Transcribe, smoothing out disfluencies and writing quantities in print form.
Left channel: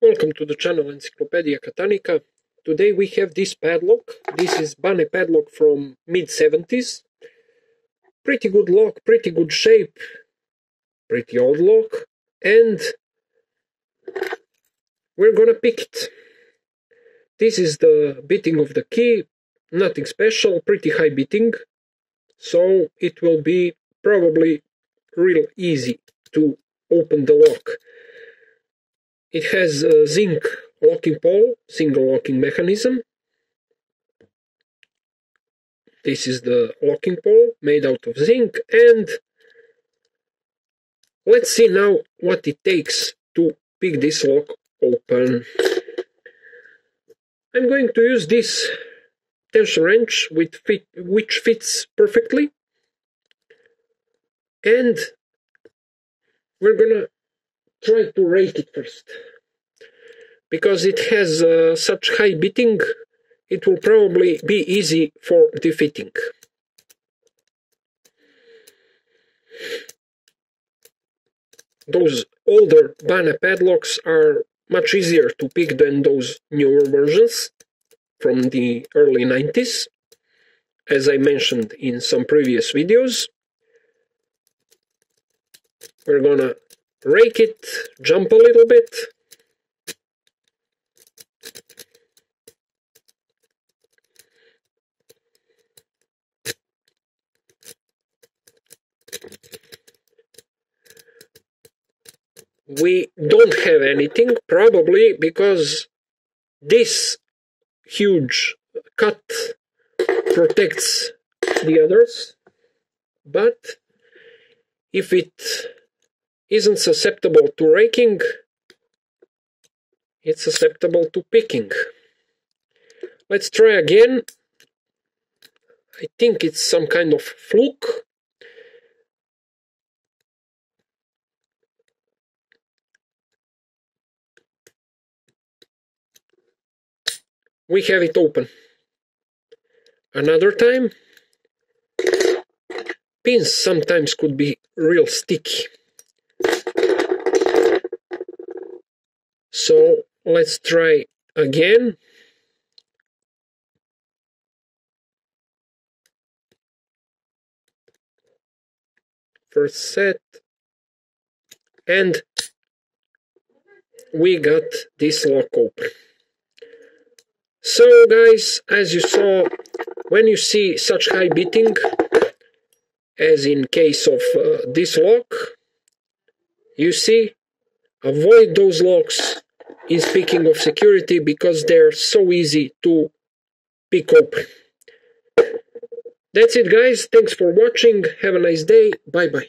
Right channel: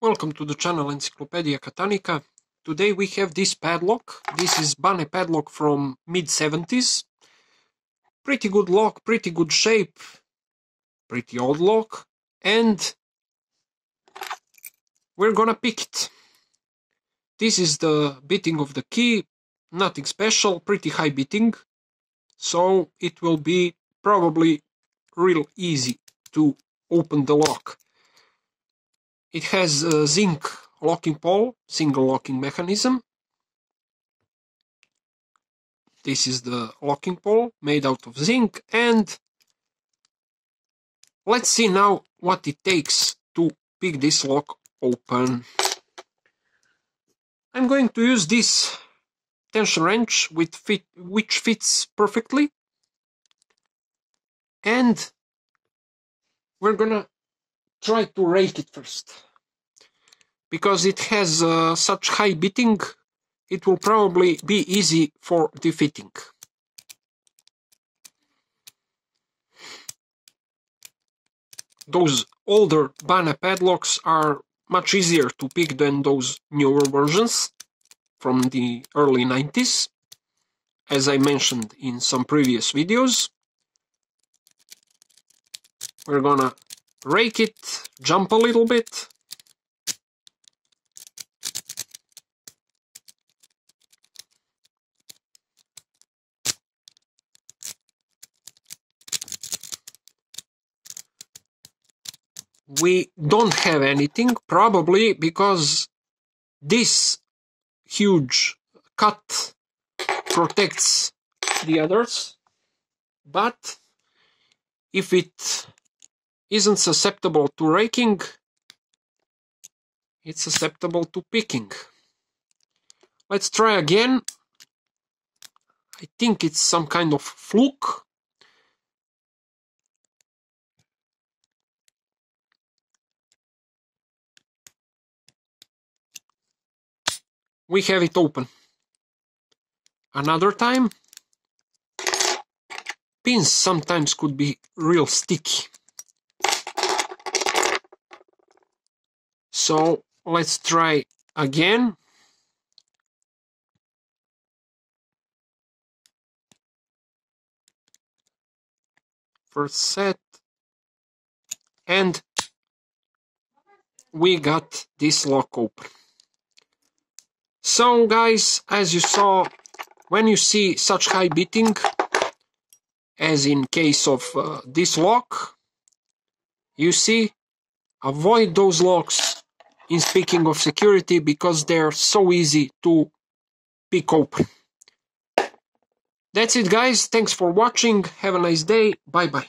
Welcome to the channel Encyclopedia Catanica. Today we have this padlock. This is BANE padlock from mid-70s. Pretty good lock, pretty good shape, pretty old lock, and we're gonna pick it. This is the bitting of the key, nothing special, pretty high bitting, so it will be probably real easy to open the lock. It has a zinc locking pole, single locking mechanism. This is the locking pole made out of zinc, and let's see now what it takes to pick this lock open. I'm going to use this tension wrench which fits perfectly, and we're gonna try to rake it first. Because it has such high bitting, it will probably be easy for defeating. Those older BANE padlocks are much easier to pick than those newer versions from the early 90s, as I mentioned in some previous videos. We're gonna rake it, jump a little bit. We don't have anything, probably because this huge cut protects the others, but if it isn't susceptible to raking, it's susceptible to picking. Let's try again. I think it's some kind of fluke. We have it open. Another time. Pins sometimes could be real sticky. So let's try again. First set. And we got this lock open. So guys, as you saw, when you see such high bitting, as in case of this lock, you see, avoid those locks in speaking of security because they're so easy to pick open. That's it guys, thanks for watching, have a nice day, bye bye.